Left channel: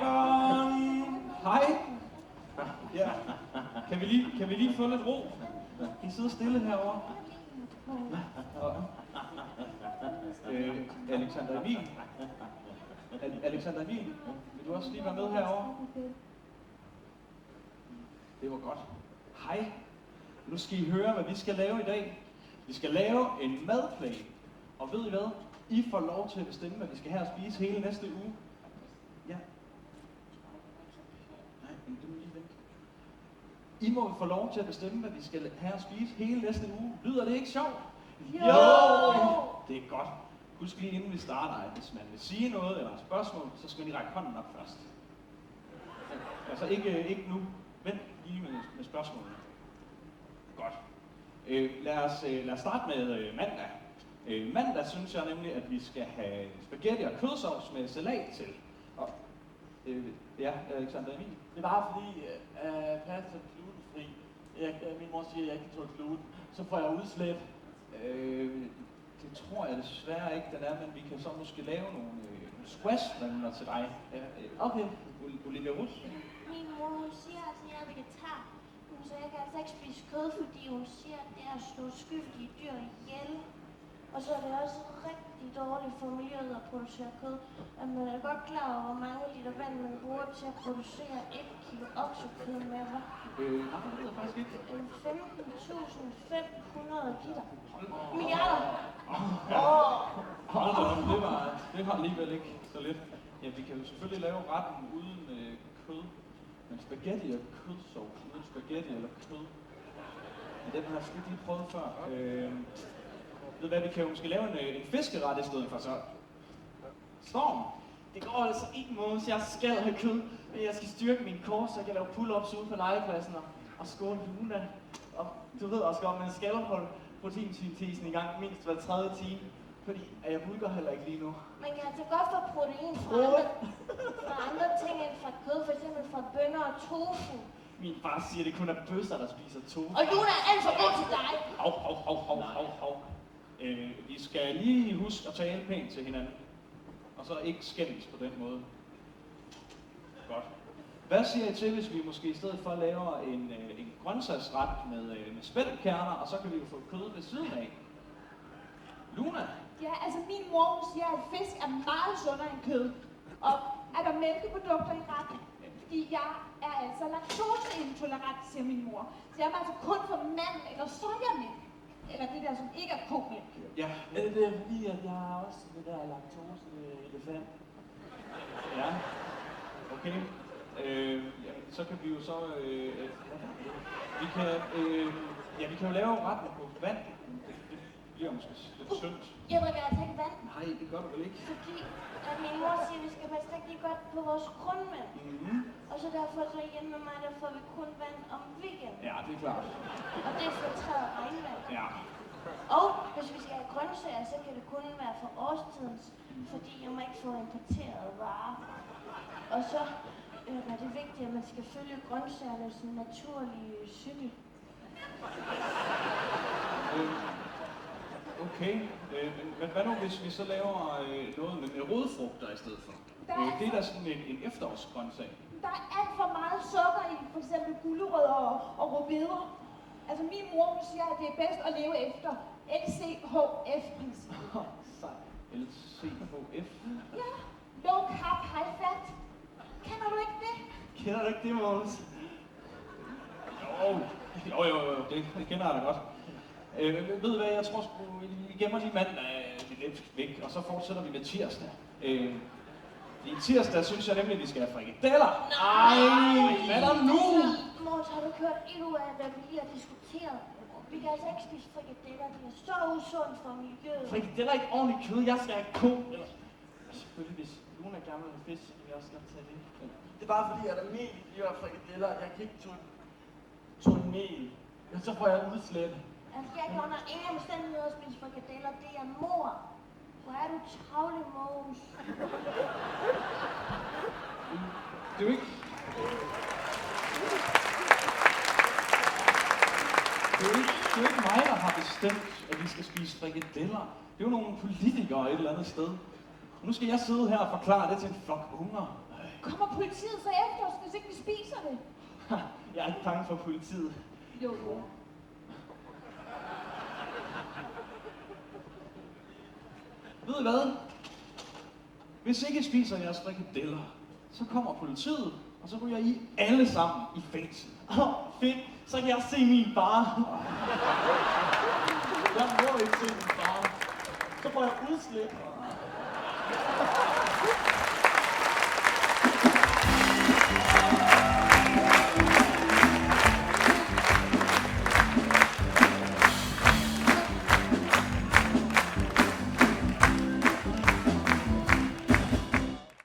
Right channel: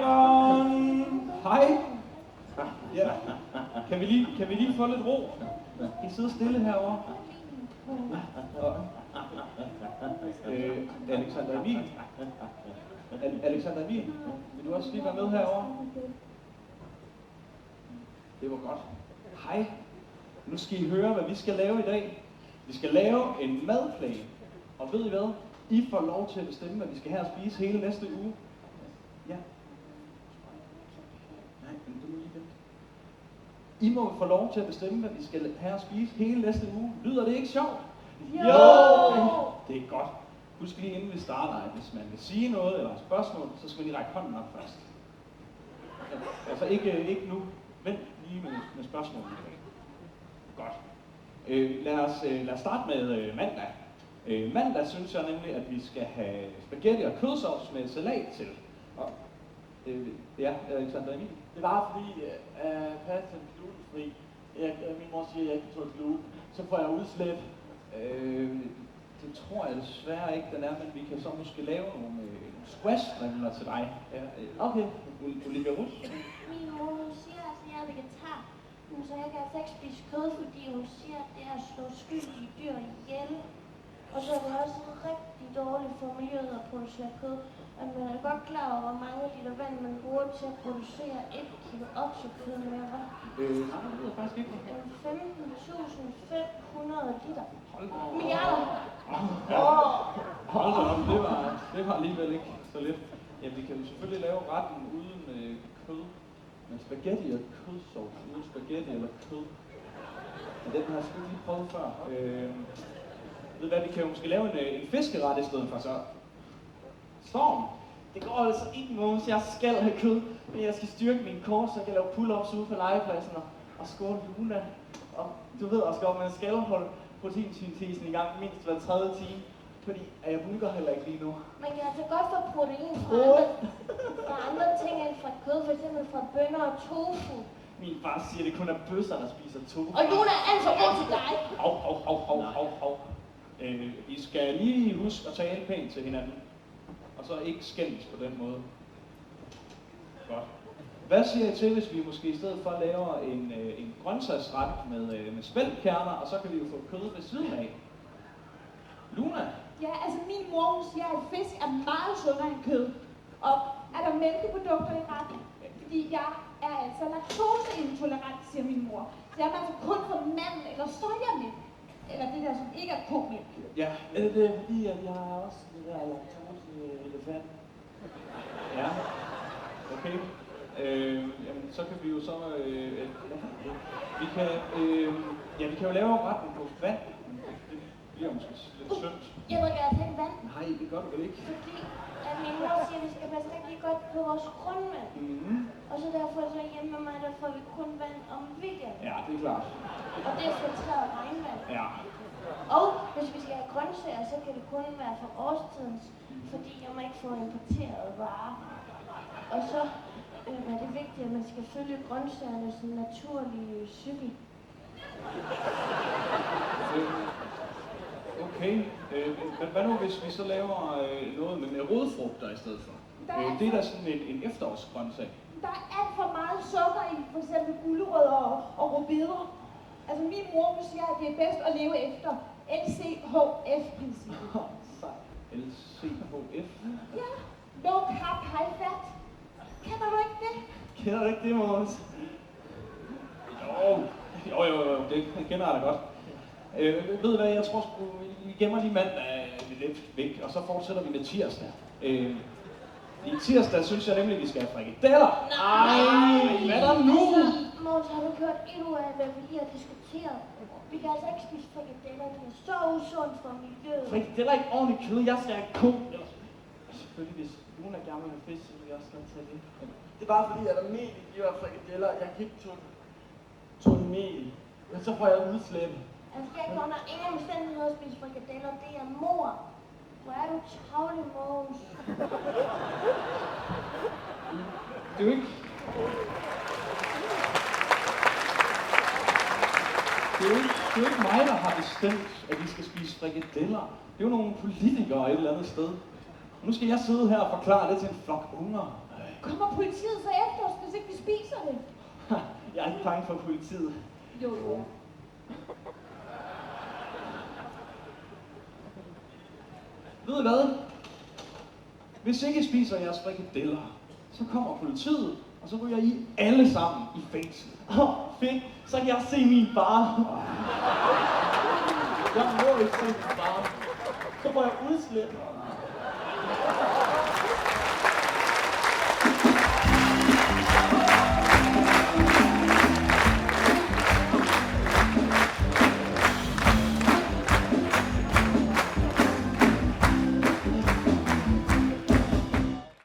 børn! Hej! Ja, kan vi lige få lidt ro? I sidder stille herovre. Alexander Emil? Alexander Emil, vil du også lige være med herovre? Det var godt. Hej. Nu skal I høre, hvad vi skal lave i dag. Vi skal lave en madplan. Og ved I hvad? I får lov til at bestemme, hvad vi skal have at spise hele næste uge. Ja. Nej, men du må lige vente. I må få lov til at bestemme, hvad vi skal have at spise hele næste uge. Lyder det ikke sjovt? Jo! Det er godt. Husk lige inden vi starter, at hvis man vil sige noget eller et spørgsmål, så skal man lige række hånden op først. Ja, altså ikke nu. Vent lige med spørgsmålene. Godt. Lad os starte med mandag. Mandag synes jeg nemlig, at vi skal have spaghetti og kødsovs med salat til. Og, ja, Alexander Emil? Det var fordi, pasta er glutenfri. Min mor siger, at jeg ikke kan tåle gluten. Så får jeg udslæt. Det tror jeg desværre ikke, den er, men vi kan så måske lave nogle squash-strimler til dig. Ja, Okay. Olivia Russ? Min mor hun siger, at jeg er vegetar. Så jeg kan altså ikke spise kød, fordi hun siger, at det er at slå skyldige dyr ihjel. Og så er det også rigtig dårligt for miljøet at producere kød. Og man er godt klar over, hvor mange liter vand man bruger til at producere 1 kilo oksekød med, hva'? Nej, det ved jeg faktisk ikke. 15.500 liter. Hold Milliarder! Hold da op, det var alligevel ikke så lidt. Ja, vi kan jo selvfølgelig lave retten uden kød. Men spaghetti og kødsovs uden spaghetti eller kød. Men den har jeg sgu ikke lige prøvet før. Ved hvad, vi kan jo måske lave en fiskeret i stedet for så. Storm! Det går altså ikke, Måns. Jeg skal have kød, men jeg skal styrke min kors, så jeg kan lave pull-ups ude på legepladsen og score Luna. Og du ved også godt, man skal holde proteinsyntesen i gang mindst hver 3. time, fordi jeg bulker heller ikke lige nu. Man kan altså godt få protein fra andre ting end fra kød, f.eks. fra bønner og tofu. Min far siger, at det kun er bøsser, der spiser tofu. Og Luna er alt for god til dig. Hov. Vi skal lige huske at tale pænt til hinanden. Og så ikke skændes på den måde. Godt. Hvad siger I til, hvis vi måske i stedet for laver en grøntsagsret med spælkerner, og så kan vi jo få kød ved siden af? Luna? Ja, altså min mor hun siger, at fisk er meget sundere end kød. Og er der mælkeprodukter i retten? Fordi jeg er altså laktoseintolerant, siger min mor. Så jeg må altså kun få mandel eller sojamælk. Eller det der, som ikke er komælk. Ja. Er det fordi, at jeg har også det der laktose-elefant? Ja. Okay. Jamen, så kan vi jo så... vi kan jo lave retten på vand, men det bliver måske lidt tyndt. Jeg drikker altså ikke vand, Nej, det gør du vel ikke? fordi at min mor siger, at vi skal passe rigtig godt på vores grundvand. Mm-hmm. Og så derfor så hjemme med mig, der får vi kun vand om weekenden. Ja, det er klart. Og det er filtreret regnvand. Ja. Og hvis vi skal have grøntsager, så kan det kun være for årstidens, fordi jeg må ikke få importeret varer. Og så er det vigtigt, at man skal følge grøntsagernes naturlige cykel. Okay. Men hvad nu, hvis vi så laver noget med rodfrugter i stedet for? Det er da sådan en efterårsgrøntsag. Der er alt for meget sukker i for eksempel gulerødder og rødbeder. Altså min mor hun siger, at det er bedst at leve efter LCHF-princippet. LCHF? Ja, low carb, high fat. Kender du ikke det? Kender du ikke det, Måns? Jo, det kender jeg da godt. Ved I hvad, jeg tror sgu, vi gemmer lige mandag lidt væk, og så fortsætter vi med tirsdag. I tirsdag synes jeg nemlig, at vi skal have frikadeller. Nej! Hvad er der nu? Måns, har du gjort endnu af, hvad vi lige har diskuteret? Vi kan altså ikke spise frikadeller, det er så usundt for miljøet. Frikadeller er ikke ordentligt kød, jeg skal have ko. Eller selvfølgelig, hvis Luna gerne vil have fisk, så kan vi også godt tage det. Det er bare fordi, at der er mel i de her frikadeller. Jeg kan ikke tåle mel. Men så får jeg udslæt. Altså, jeg kan under ingen omstændigheder spise frikadeller, det er mor. Hvor er du travlig, Måns? Det er jo ikke... Det er jo ikke mig, der har bestemt, at vi skal spise frikadeller. Det er jo nogle politikere et eller andet sted. Og nu skal jeg sidde her og forklare det til en flok unger. Kommer politiet så efter os, hvis ikke vi spiser det? Jeg er ikke bange for politiet. Jo. Ved I hvad? Hvis ikke I spiser jeres frikadeller, så kommer politiet, og så ryger I alle sammen i fængsel. Fedt, så kan jeg se min far. Jeg må ikke se min far. Så får jeg udslip.